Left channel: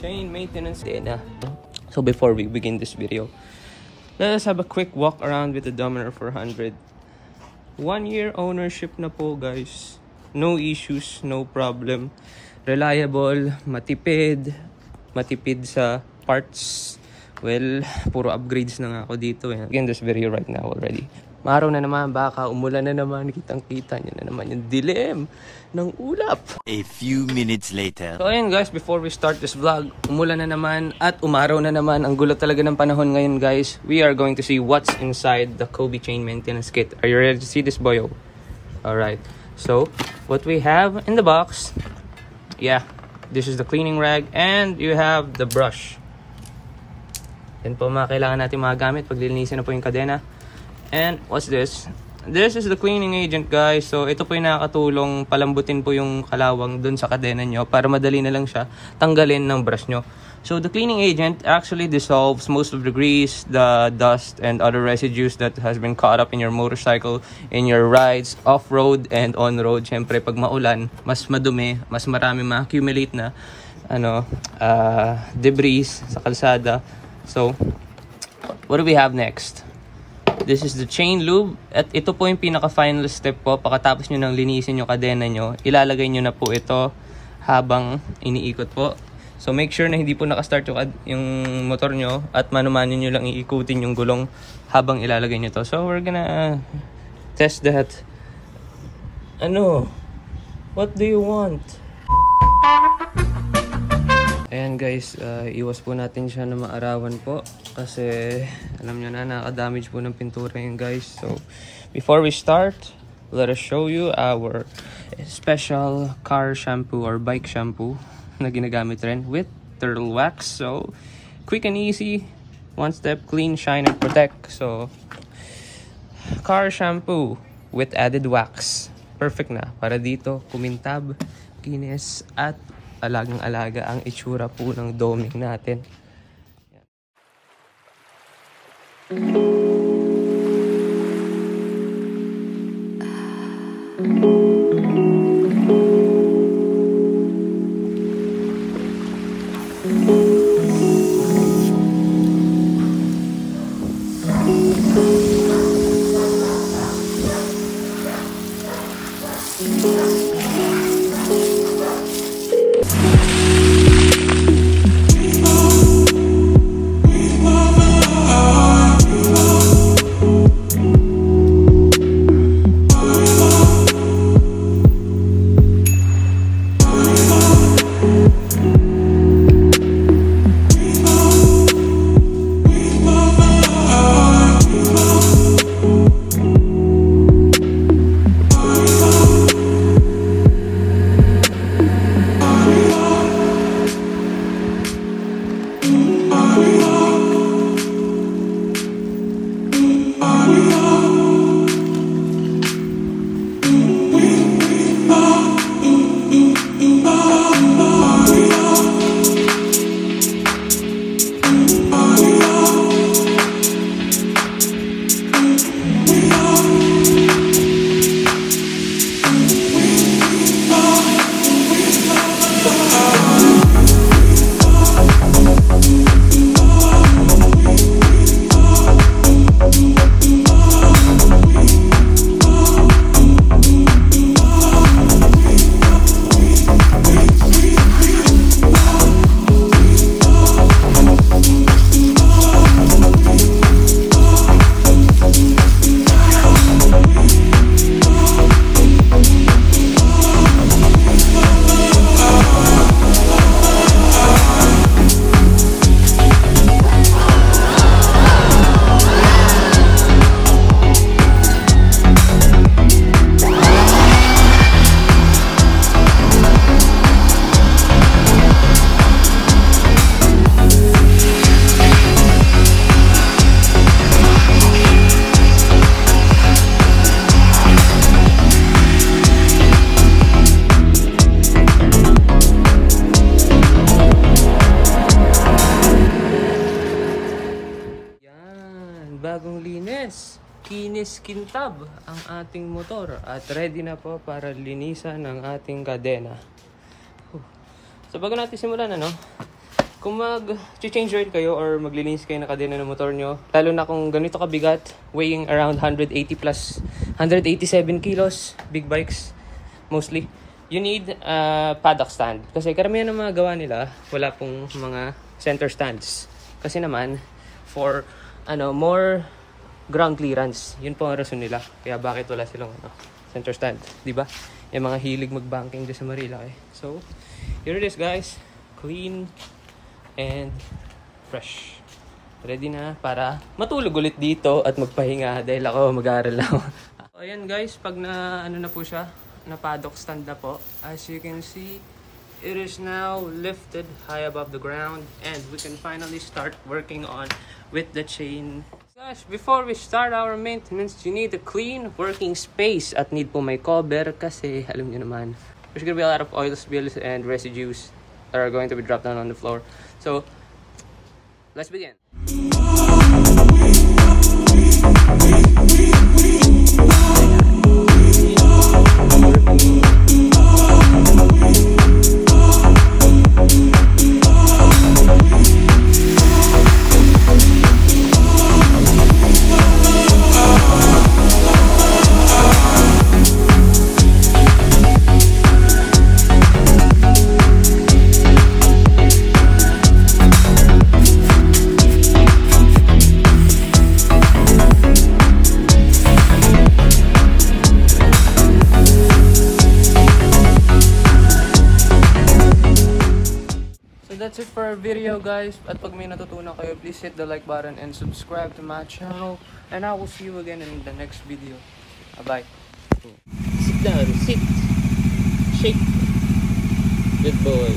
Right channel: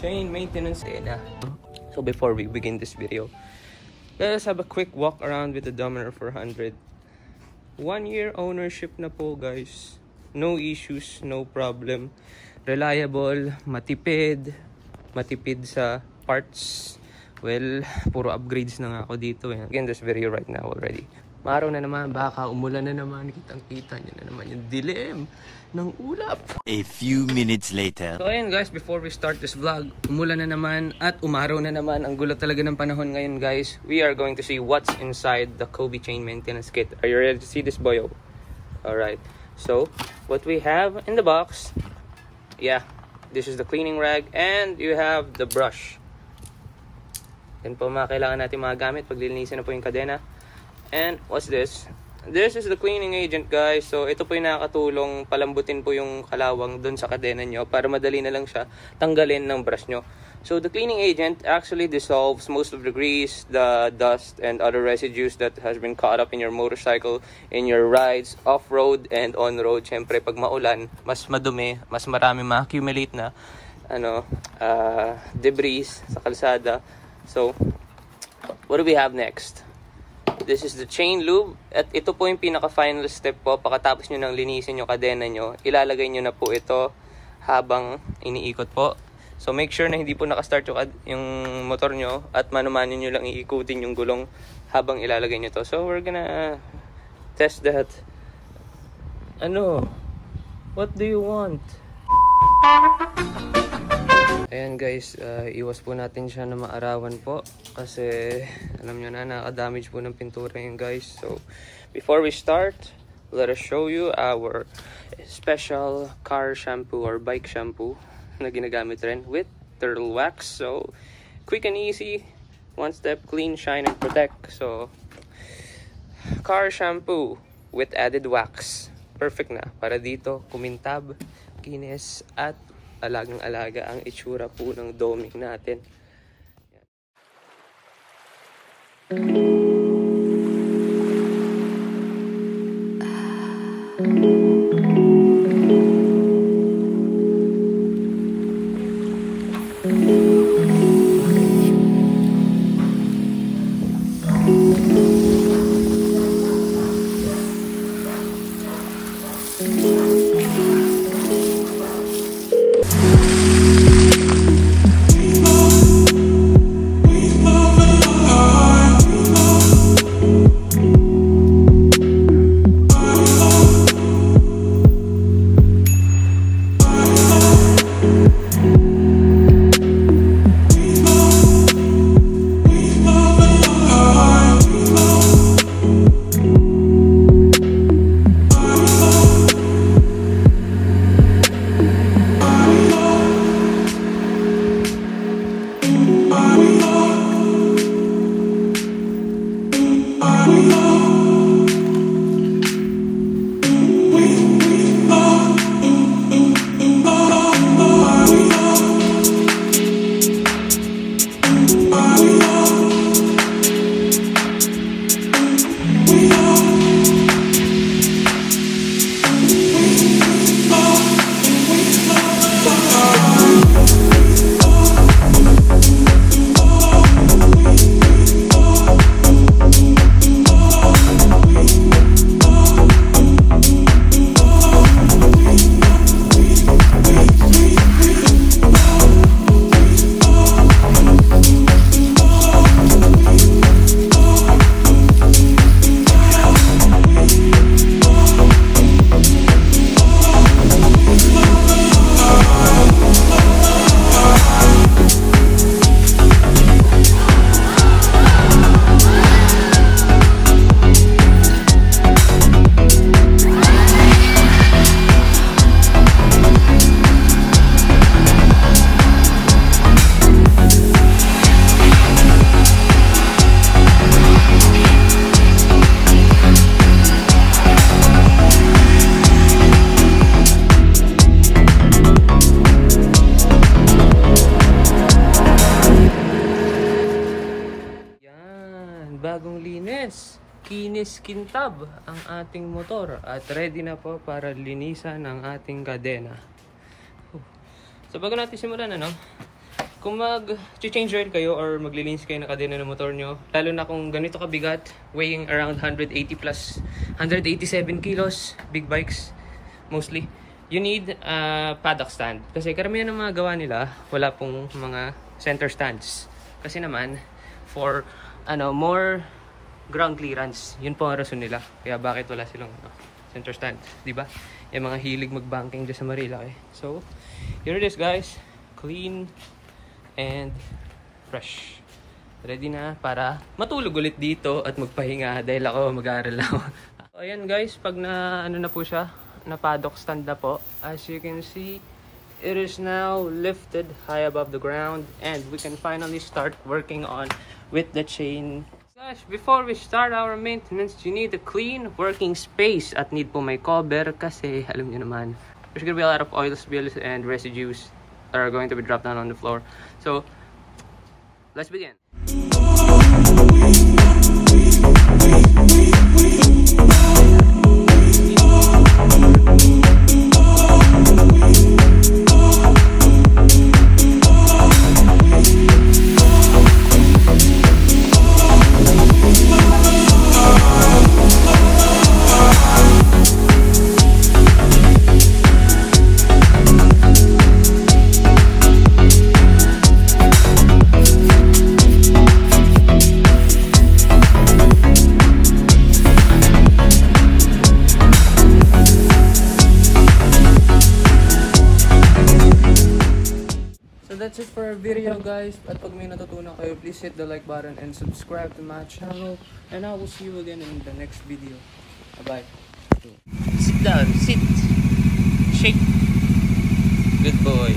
chain maintenance data. So before we begin this video, let's have a quick walk around with the Dominar 400. 1 year ownership na po guys. No issues, no problem. Reliable, matipid sa parts. Well, puro upgrades na nga ako dito. Again, this video right now already. Maraw na naman, baka umulan na naman. Kitang-kita nyo na naman yung dilim ng ulap. A few minutes later. So ayun guys, before we start this vlog, umulan na naman at umaraw na naman. Ang gulo talaga ng panahon ngayon guys. We are going to see what's inside the Kobe chain maintenance kit. Are you ready to see this, boyo? Alright. So, what we have in the box, yeah, this is the cleaning rag and you have the brush. Yan po mga kailangan natin magamit pag lilinisin na po yung kadena. And what's this? This is the cleaning agent guys. So ito po yung nakakatulong palambutin po yung kalawang dun sa kadena nyo para madali na lang siya tanggalin ng brush nyo. So the cleaning agent actually dissolves most of the grease, the dust, and other residues that has been caught up in your motorcycle, in your rides, off-road and on-road. Siyempre pag maulan, mas madumi, mas marami ma-accumulate na debris sa kalsada. So, what do we have next? This is the chain lube. At ito po yung pinaka-final step po. Pagkatapos nyo nang linisin yung kadena nyo, ilalagay nyo na po ito habang iniikot po. So, make sure na hindi po nakastart yung motor nyo at mano-mano nyo lang iikutin yung gulong habang ilalagay nyo to. So, we're gonna test that. What do you want? Ayan guys, iwas po natin siya na maarawan po kasi alam nyo na nakadamage po ng pintura yun guys. So before we start, let us show you our special car shampoo or bike shampoo na ginagamit rin with turtle wax. So quick and easy, one step, clean, shine, and protect. So car shampoo with added wax, perfect na para dito kumintab, kinis at alagang-alaga ang itsura po ng doming natin. bagong linis, kinis kintab ang ating motor at ready na po para linisan ang ating kadena. So bago natin simulan, kung mag-change oil kayo or maglilinis kayo ng kadena ng motor nyo, lalo na kung ganito kabigat, weighing around 180 plus 187 kilos, big bikes mostly, you need a paddock stand. Kasi karamihan ng mga gawa nila, wala pong mga center stands. Kasi naman, for more ground clearance, yun po ang rason nila. Kaya bakit wala silang center stand, di ba? Yung mga hilig mag-banking dyan sa Marilaki. So, here it is guys, clean and fresh. Ready na para matulog ulit dito at magpahinga dahil ako mag-aaral na ako. So, ayan guys, pag na na po siya, na paddock stand na po, as you can see, it is now lifted high above the ground and we can finally start working on with the chain. Guys, before we start our maintenance, you need a clean working space at need po may cover kasi alam nyo naman, there's gonna be a lot of oil spills and residues that are going to be dropped down on the floor. So, let's begin. That's it for our video guys, at pag may natutunan kayo, please hit the like button and subscribe to my channel, and I will see you again in the next video. Bye bye. Sit down, sit, shake, good boy.